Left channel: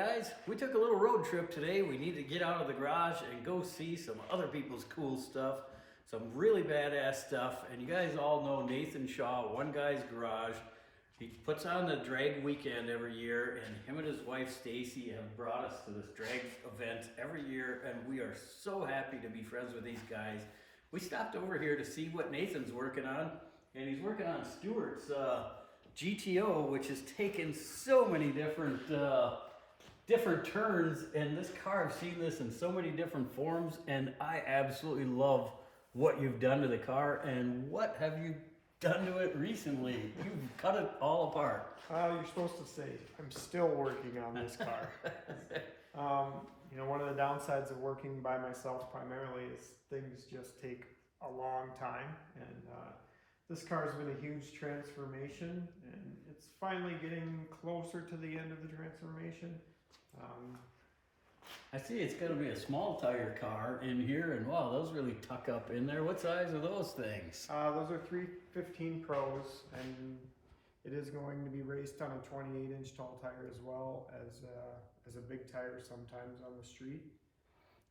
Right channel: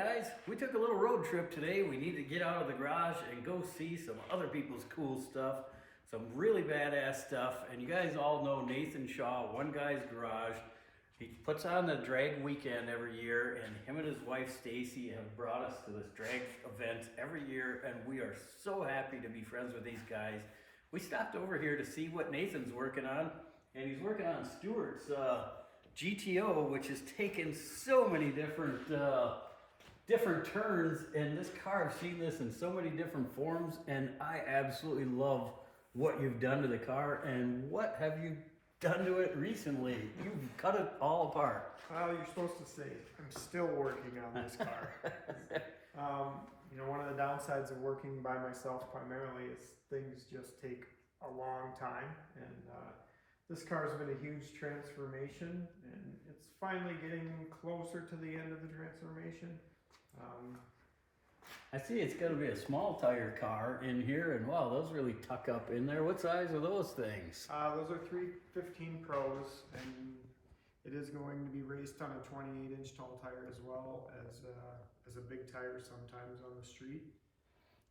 guys, we took a little road trip today. We need to get out of the garage and go see some other people's cool stuff. Some really badass stuff. And you guys all know Nathan Shaw, One Guy's Garage. He puts on the drag weekend every year, and him and his wife Stacy have brought us to this drag event every year, and we are so happy to be friends with these guys. We stopped over here to see what Nathan's working on, and he's working on Stuart's GTO, which has taken so many different turns. And this car, I've seen this in so many different forms, and I absolutely love what you've done to the car. And what have you done to it recently? You've cut it all apart. Well, you're supposed to say I'm still working on this car. You know, one of the downsides of working by myself primarily is things just take a long time, and this car's been a huge transformation, and it's finally getting closer to the end of the transformation. I see it's going to be a small tire car in here, and wow, those really tuck up in there. What size are those things? Those are 315 Pros, and it is going to be raced on a 28-inch tall tire as well as a big tire sometimes on the street.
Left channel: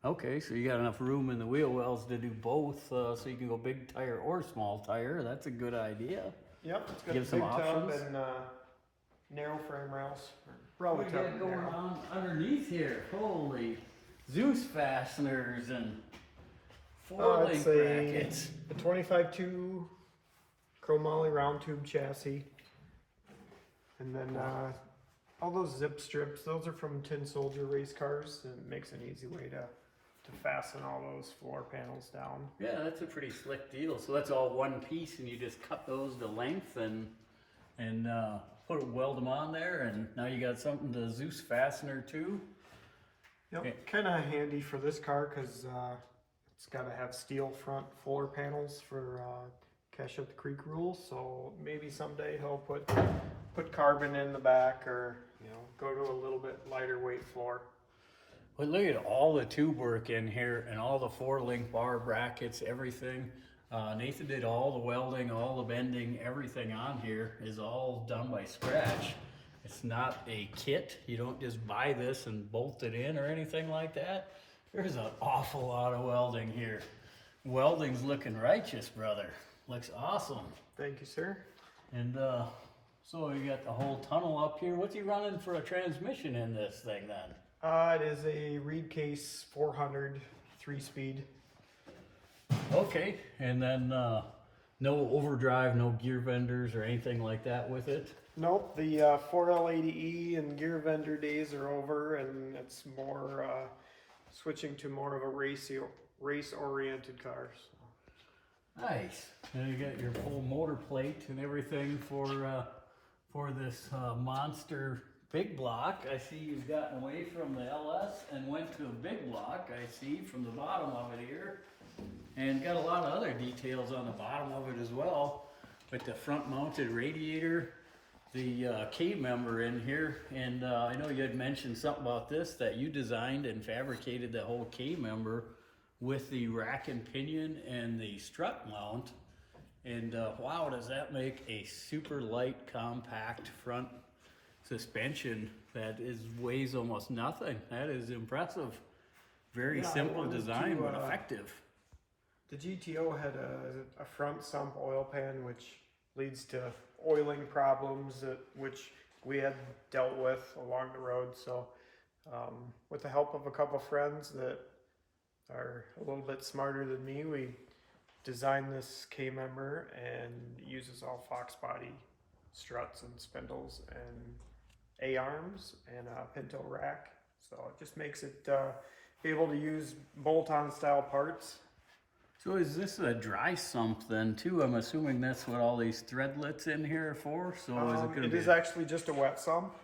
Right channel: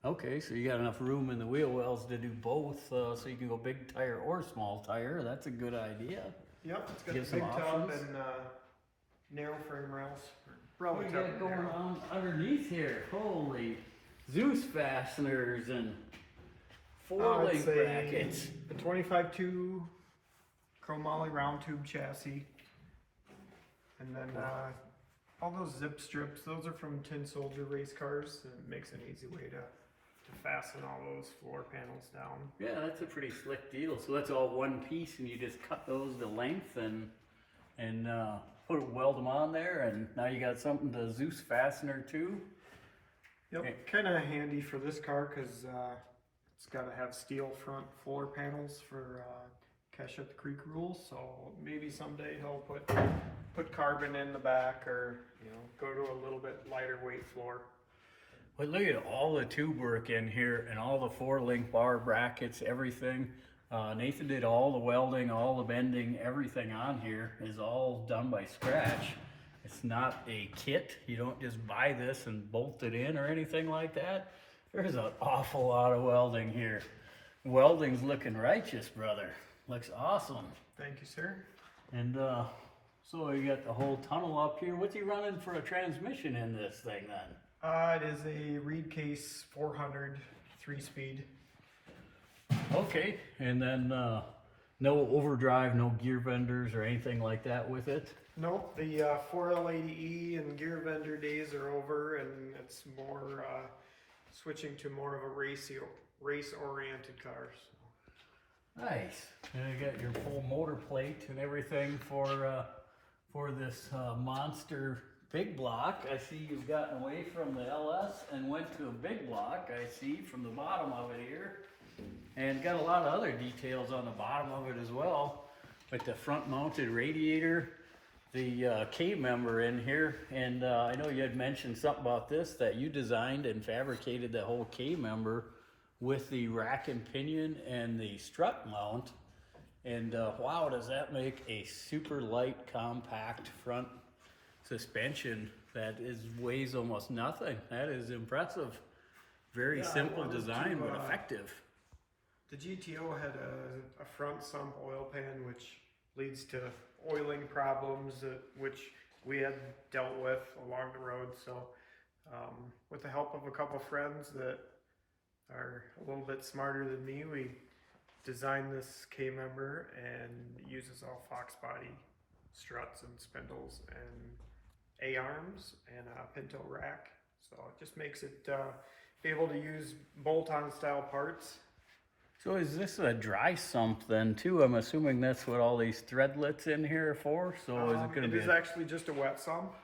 Okay, so you got enough room in the wheel wells to do both, so you can go big tire or small tire. That's a good idea. Yep, it's got Give a some big tub options. and narrow frame rails. What do you got going on underneath here? Holy Zeus fasteners and four-link brackets. A 25-2 chromoly round tube chassis. And then all those zip strips, those are from Tin Soldier race cars. It makes an easy way to fasten all those floor panels down. Yeah, that's a pretty slick deal. So that's all one piece, and you just cut those to length and weld them on there, and now you got something to Zeus fastener too. Yep, okay. Kind of handy for this car because it's got to have steel front floor panels for Cash Up the Creek rules. So maybe someday he'll put carbon in the back, or go to a little bit lighter weight floor. Well, look at all the tube work in here and all the four-link bar brackets, everything. Nathan did all the welding, all the bending, everything on here is all done by scratch. It's not a kit. You don't just buy this and bolt it in or anything like that. There's an awful lot of welding here. Welding's looking righteous, brother. Looks awesome. Thank you, sir. And so you got the whole tunnel up here. What's he running for a transmission in this thing then? It is a Reed Case 400 3-speed. Okay, and then no overdrive, no gear vendors or anything like that with it? Nope, the 4L80E and gear vendor days are over, and it's more switching to more of a race-oriented car. So. Nice. And you got your full motor plate and everything for this monster big block. I see you've gotten away from the LS and went to a big block, I see, from the bottom of it here. And got a lot of other details on the bottom of it as well, like the front mounted radiator, the K-member in here. And I know you had mentioned something about this, that you designed and fabricated the whole K-member with the rack and pinion and the strut mount. And wow, does that make a super light, compact front suspension that weighs almost nothing. That is impressive. Very simple design, but effective. The GTO had a front sump oil pan, which leads to oiling problems, which we had dealt with along the road. So with the help of a couple friends that are a little bit smarter than me, we designed this K-member, and uses all Fox body struts and spindles and A-arms and a Pinto rack. So it just makes it be able to use bolt-on style parts. So is this a dry sump then too? I'm assuming that's what all these threadlets in here are for. So is it going to be? It is actually just a wet sump.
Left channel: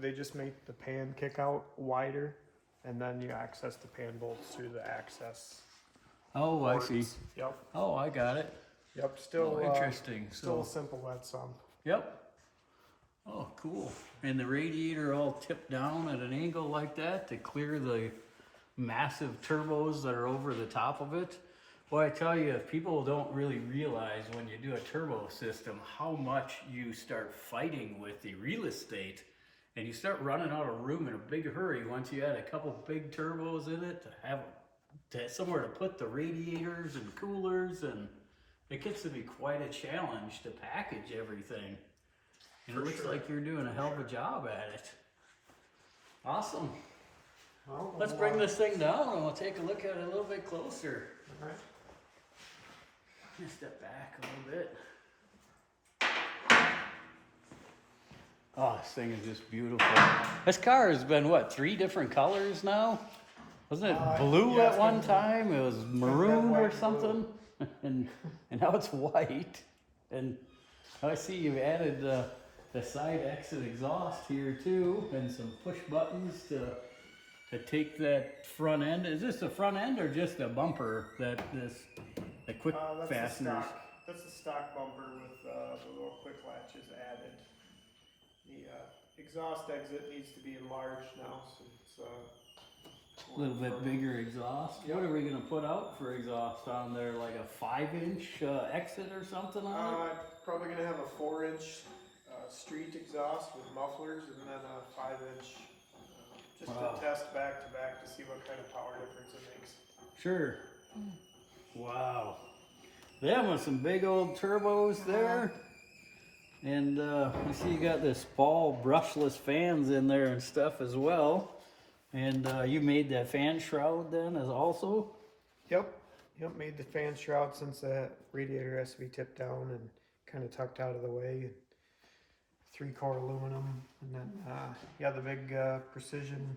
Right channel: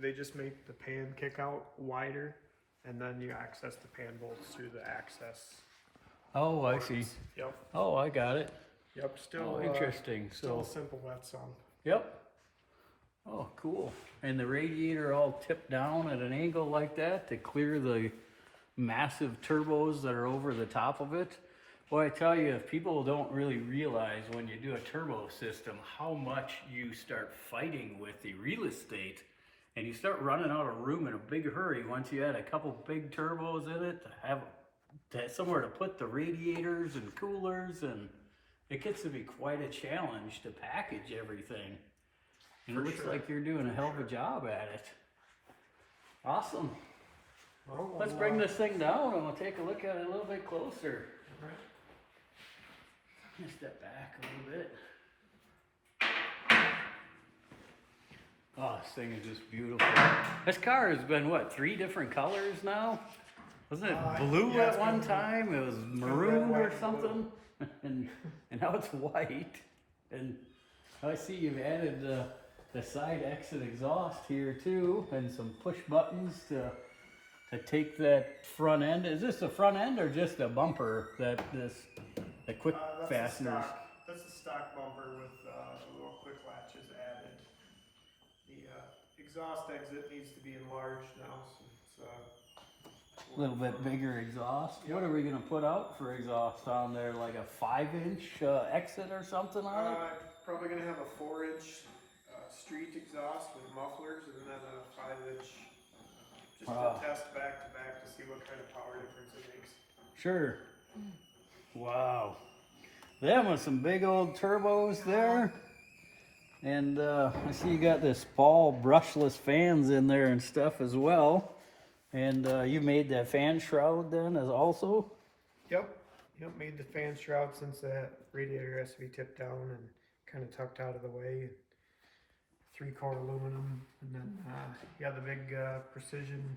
They just make the pan kick out wider, and then you access the pan bolts through the access. Oh, ports. I see. Yep. Oh, I got it. Yep. Still interesting. Still a simple wet sump. Yep. Oh, cool. And the radiator all tipped down at an angle like that to clear the massive turbos that are over the top of it. Boy, I tell you, people don't really realize when you do a turbo system how much you start fighting with the real estate and you start running out of room in a big hurry once you add a couple big turbos in it to have somewhere to put the radiators and coolers, and it gets to be quite a challenge to package everything. And it looks like you're doing a hell of a job at it. Awesome. Well, Let's bring this thing down and we'll take a look at it a little bit closer. All right. I'm gonna step back a little bit. Oh, this thing is just beautiful. This car has been, what, 3 different colors now? Wasn't it blue yeah, at one time? It was maroon or something? and now it's white. And I see you've added the side exit exhaust here too, and some push buttons to take that front end. Is this the front end or just a bumper that the quick fasteners? That's a stock bumper with the little quick latches added. The exhaust exit needs to be enlarged now, so it's A little bit bigger exhaust. Yep. What are we gonna put out for exhaust on there? Like a 5-inch exit or something on it? Probably gonna have a 4-inch street exhaust with mufflers, and then a 5-inch just to test back to back to see what kind of power difference it makes. Sure. Wow. That was some big old turbos there. And I see you got this ball brushless fans in there and stuff as well. And you made that fan shroud then as also? Yep, made the fan shroud since that radiator has to be tipped down and kind of tucked out of the way. 3-core aluminum, and then yeah, the big precision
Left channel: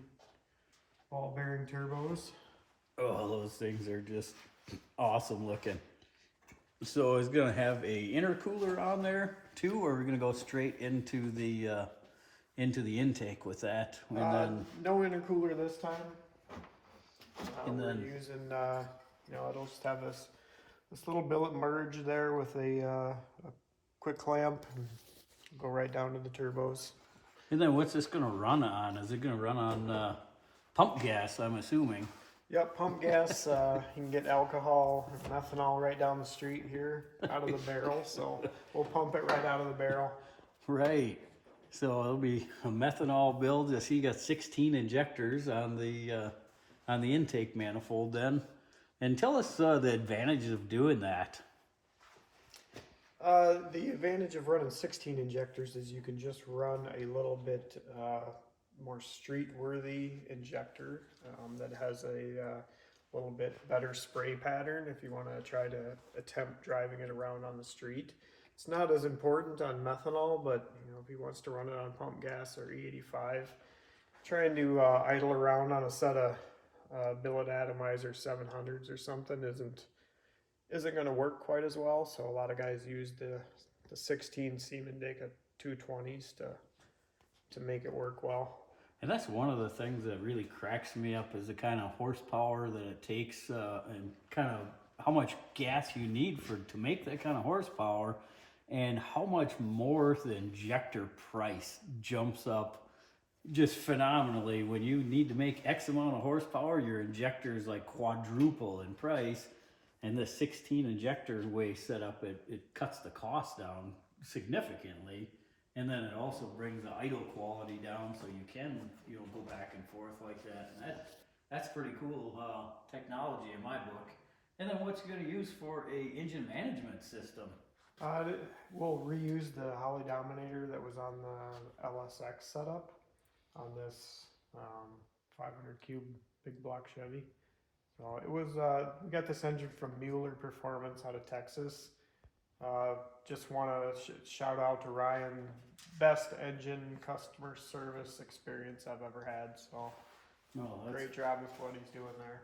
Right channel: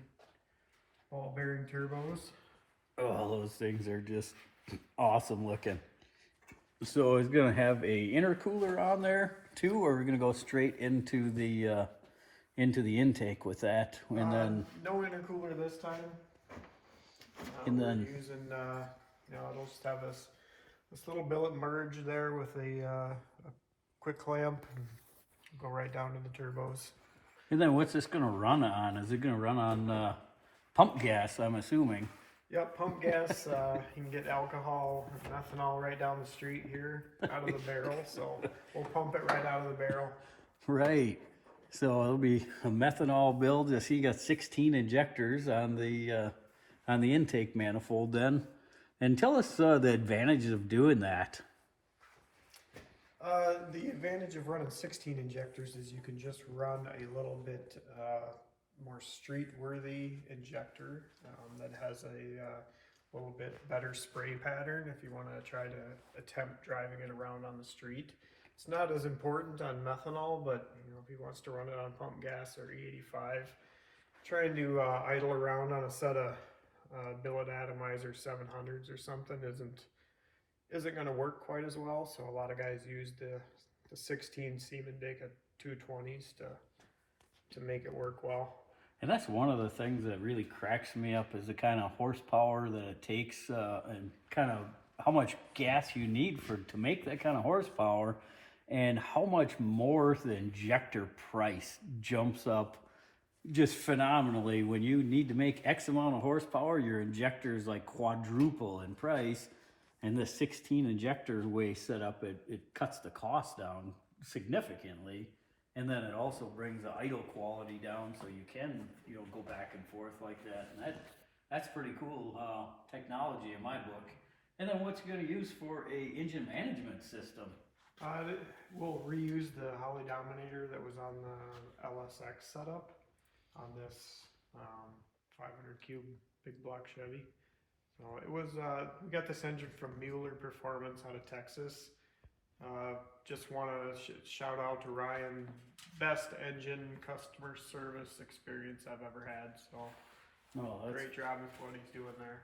ball bearing turbos. Oh, those things are just awesome looking. So it's gonna have a intercooler on there too, or we're gonna go straight into the intake with that, and then no intercooler this time. And we're then using it'll just have this little billet merge there with a quick clamp. Go right down to the turbos. And then what's this gonna run on? Is it gonna run on pump gas, I'm assuming? Yep, pump gas. You can get alcohol and ethanol right down the street here out of the barrel. So we'll pump it right out of the barrel. Right. So it'll be a methanol build. I see you got 16 injectors on the intake manifold then. And tell us the advantages of doing that. The advantage of running 16 injectors is you can just run a little bit more street-worthy injector that has a little bit better spray pattern if you want to try to attempt driving it around on the street. It's not as important on methanol, but if he wants to run it on pump gas or E85, trying to idle around on a set of billet atomizer 700s or something isn't going to work quite as well. So a lot of guys use the 16 Siemens Deka 220s to make it work well. And that's one of the things that really cracks me up is the kind of horsepower that it takes and kind of how much gas you need to make that kind of horsepower, and how much more the injector price jumps up just phenomenally. When you need to make X amount of horsepower, your injector is like quadruple in price. And the 16 injector way set up, it cuts the cost down significantly. And then it also brings the idle quality down, so you can go back and forth like that. And that's pretty cool technology in my book. And then what's it going to use for a engine management system? We'll reuse the Holly Dominator that was on the LSX setup on this 500 cube big block Chevy. So it was, we got this engine from Mueller Performance out of Texas. Just want to shout out to Ryan. Best engine customer service experience I've ever had. So great job with what he's doing there.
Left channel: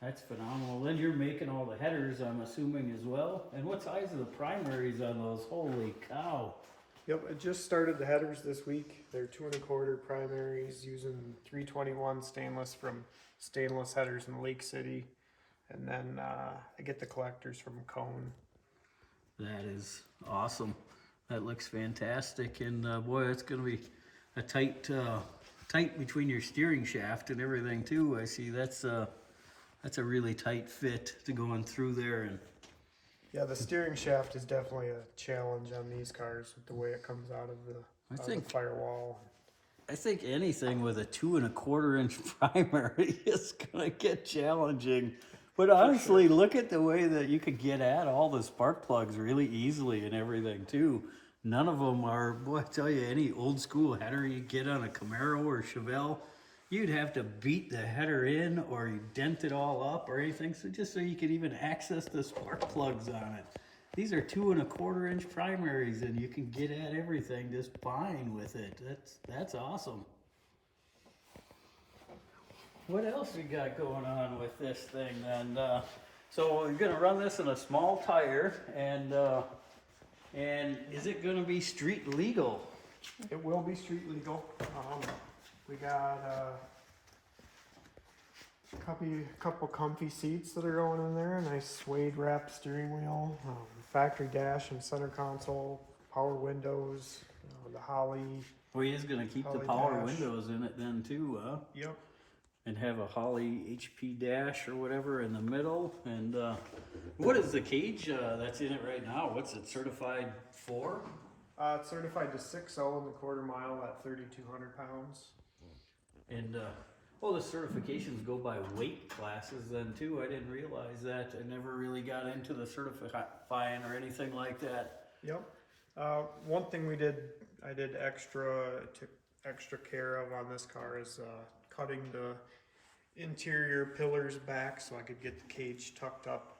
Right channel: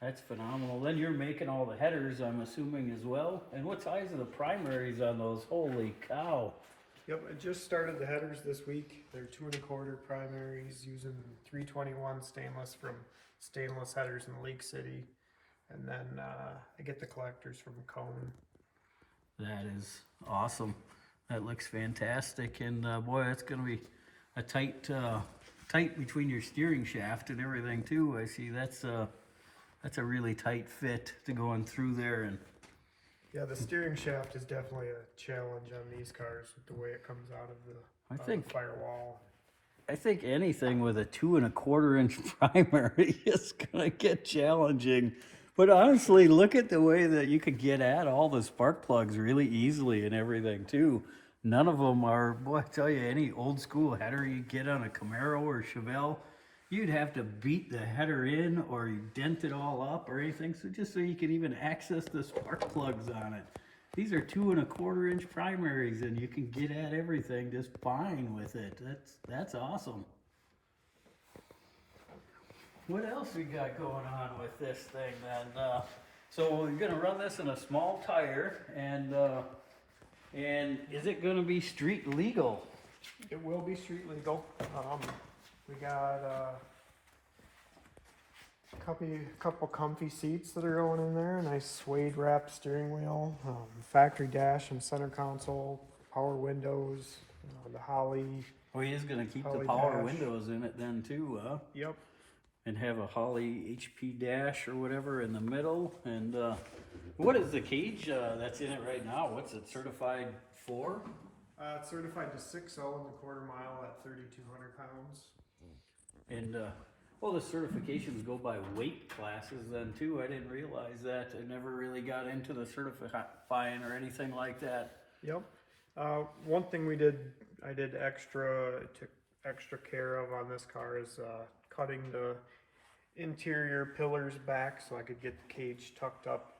That's phenomenal. Then you're making all the headers, I'm assuming, as well. And what size are the primaries on those? Holy cow. Yep, I just started the headers this week. They're 2 1/4 primaries using 321 stainless from Stainless Headers in Lake City. And then I get the collectors from Cone. That is awesome. That looks fantastic. And boy, that's going to be a tight between your steering shaft and everything too. I see that's a really tight fit to going through there. And yeah, the steering shaft is definitely a challenge on these cars with the way it comes out of the firewall. I think anything with a 2¼ inch primary is gonna get challenging. But honestly, look at the way that you could get at all the spark plugs really easily and everything too. None of them are, boy, I tell you, any old school header you get on a Camaro or Chevelle, you'd have to beat the header in or you dent it all up or anything, so just so you could even access the spark plugs on it. These are 2¼ inch primaries and you can get at everything just fine with it. That's awesome. What else we got going on with this thing then? So we're gonna run this in a small tire and is it gonna be street legal? It will be street legal. We got couple comfy seats that are going in there, a nice suede wrap steering wheel, factory dash and center console, power windows, the Holly. Well, he is gonna keep the Holly power dash. windows in it then too, huh? Yep. And have a Holly HP dash or whatever in the middle. And what is the cage that's in it right now? What's it certified for? It's certified to 6.0 in the quarter mile at 3,200 pounds. And well, the certifications go by weight classes then too. I didn't realize that. I never really got into the certifying or anything like that. Yep. One thing I took extra care of on this car is cutting the interior pillars back so I could get the cage tucked up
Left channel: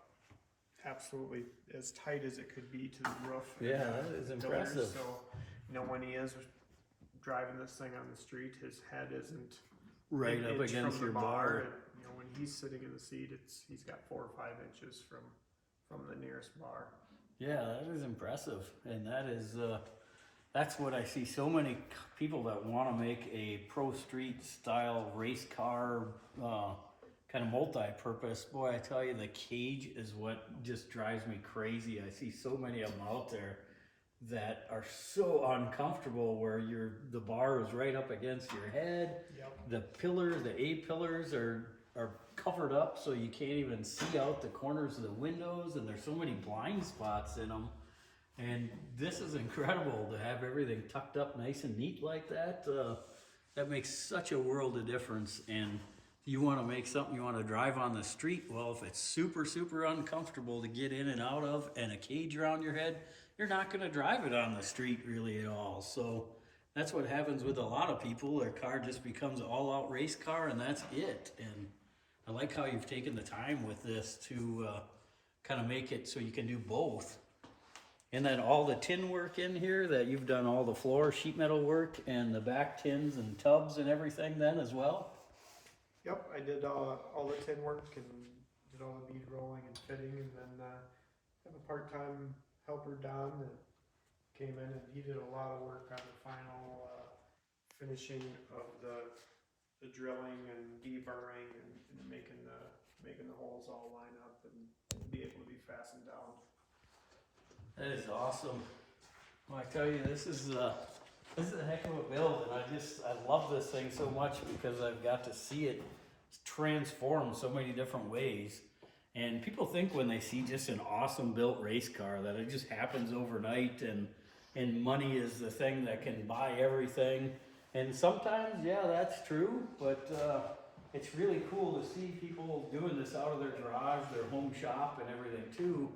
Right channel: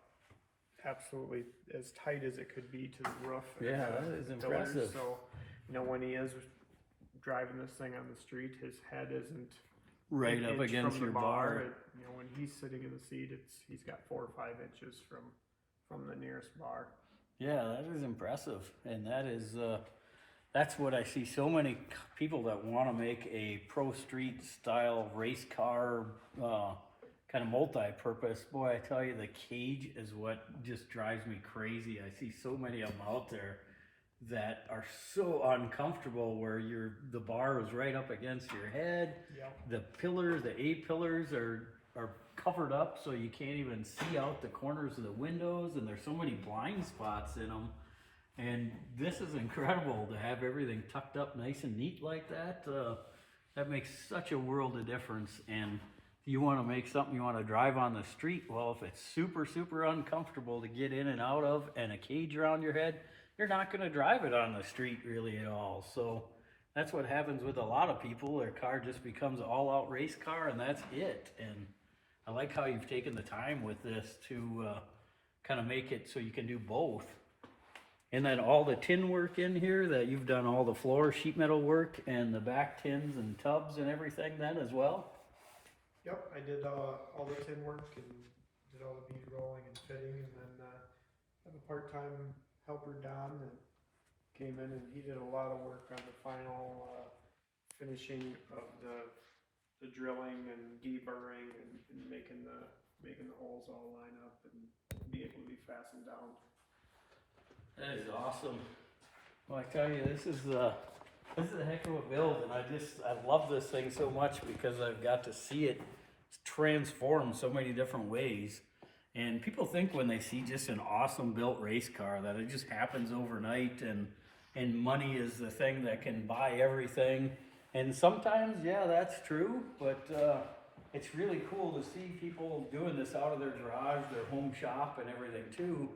absolutely as tight as it could be to the roof. Yeah, that is impressive. So, when he is driving this thing on the street, his head isn't Right an up inch against from your the bar. When he's sitting in the seat, he's got 4 or 5 inches from the nearest bar. Yeah, that is impressive. And that is, that's what I see so many people that want to make a pro street style race car, kind of multi-purpose. Boy, I tell you, the cage is what just drives me crazy. I see so many of them out there that are so uncomfortable where the bar is right up against your head. Yep. The pillars, the A-pillars are covered up so you can't even see out the corners of the windows, and there's so many blind spots in them. And this is incredible to have everything tucked up nice and neat like that. That makes such a world of difference. And you want to make something you want to drive on the street, well, if it's super, super uncomfortable to get in and out of and a cage around your head, you're not going to drive it on the street really at all. So that's what happens with a lot of people. Their car just becomes an all-out race car and that's it. And I like how you've taken the time with this to kind of make it so you can do both. And then all the tin work in here, that you've done all the floor sheet metal work and the back tins and tubs and everything then as well? Yep, I did all the tin work and did all the bead rolling and fitting, and then have a part-time helper, Don, that came in and he did a lot of work on the final finishing of the drilling and deburring and making the holes all line up and be able to be fastened down. That is awesome. Well, I tell you, this is a heck of a build, and I love this thing so much because I've got to see it transform so many different ways. And people think when they see just an awesome built race car that it just happens overnight and money is the thing that can buy everything. And sometimes, yeah, that's true, but it's really cool to see people doing this out of their garage, their home shop and everything too,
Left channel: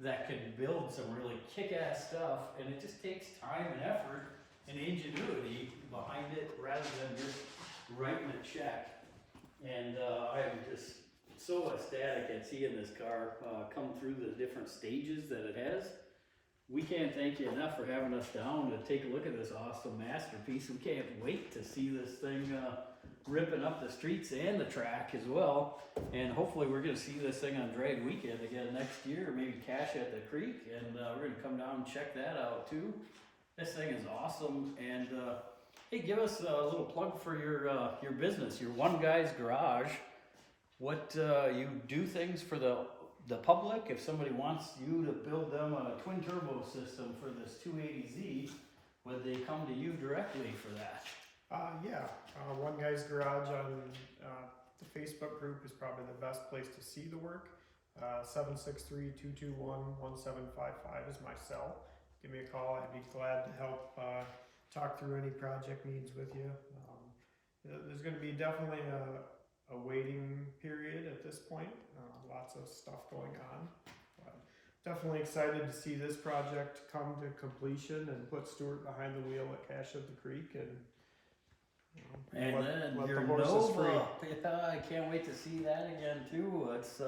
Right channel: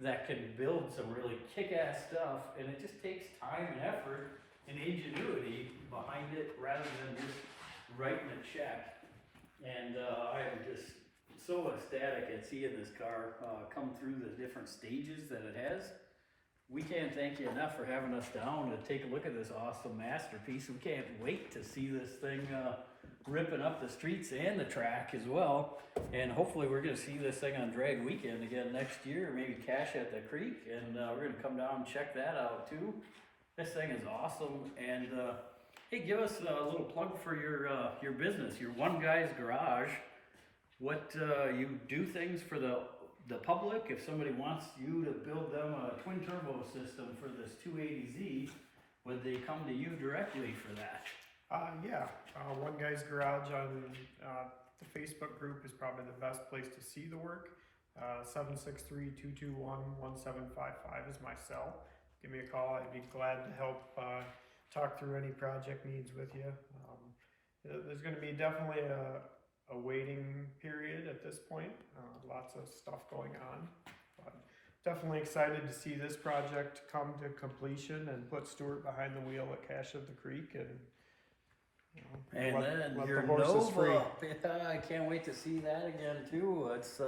that can build some really kick-ass stuff, and it just takes time and effort and ingenuity behind it rather than just writing a check. And I'm just so ecstatic at seeing this car come through the different stages that it has. We can't thank you enough for having us down to take a look at this awesome masterpiece. We can't wait to see this thing ripping up the streets and the track as well. And hopefully we're going to see this thing on drag weekend again next year, or maybe Cash at the Creek, and we're going to come down and check that out too. This thing is awesome. And hey, give us a little plug for your business, your One Guy's Garage. What you do things for the public. If somebody wants you to build them a twin turbo system for this 280Z, would they come to you directly for that? Yeah, One Guy's Garage on the Facebook group is probably the best place to see the work. 763-221-1755 is my cell. Give me a call. I'd be glad to help talk through any project needs with you. there's going to be definitely a waiting period at this point. Lots of stuff going on. But definitely excited to see this project come to completion and put Stuart behind the wheel at Cache of the Creek and. And then let your the horses free. Nova, yeah, I can't wait to see that again too. It's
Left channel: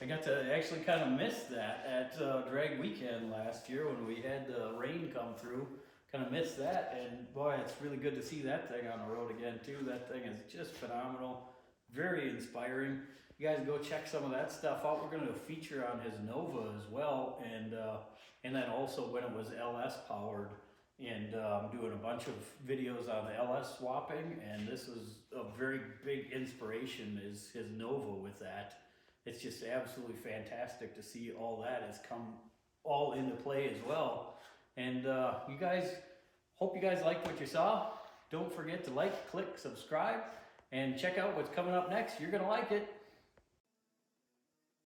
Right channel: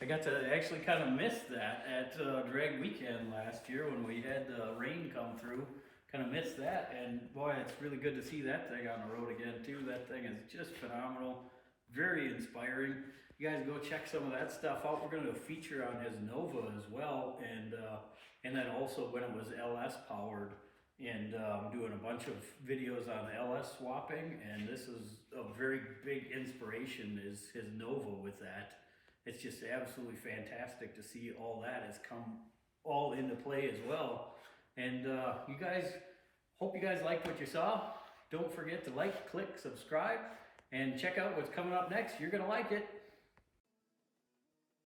I got to actually kind of miss that at drag weekend last year when we had rain come through. Kind of missed that, and boy, it's really good to see that thing on the road again too. That thing is just phenomenal, very inspiring. You guys go check some of that stuff out. We're going to do a feature on his Nova as well, and then also when it was LS powered. And doing a bunch of videos on LS swapping, and this is a very big inspiration is his Nova with that. It's just absolutely fantastic to see all that has come all into play as well. And you guys, hope you guys liked what you saw. Don't forget to like, click, subscribe, and check out what's coming up next. You're gonna like it.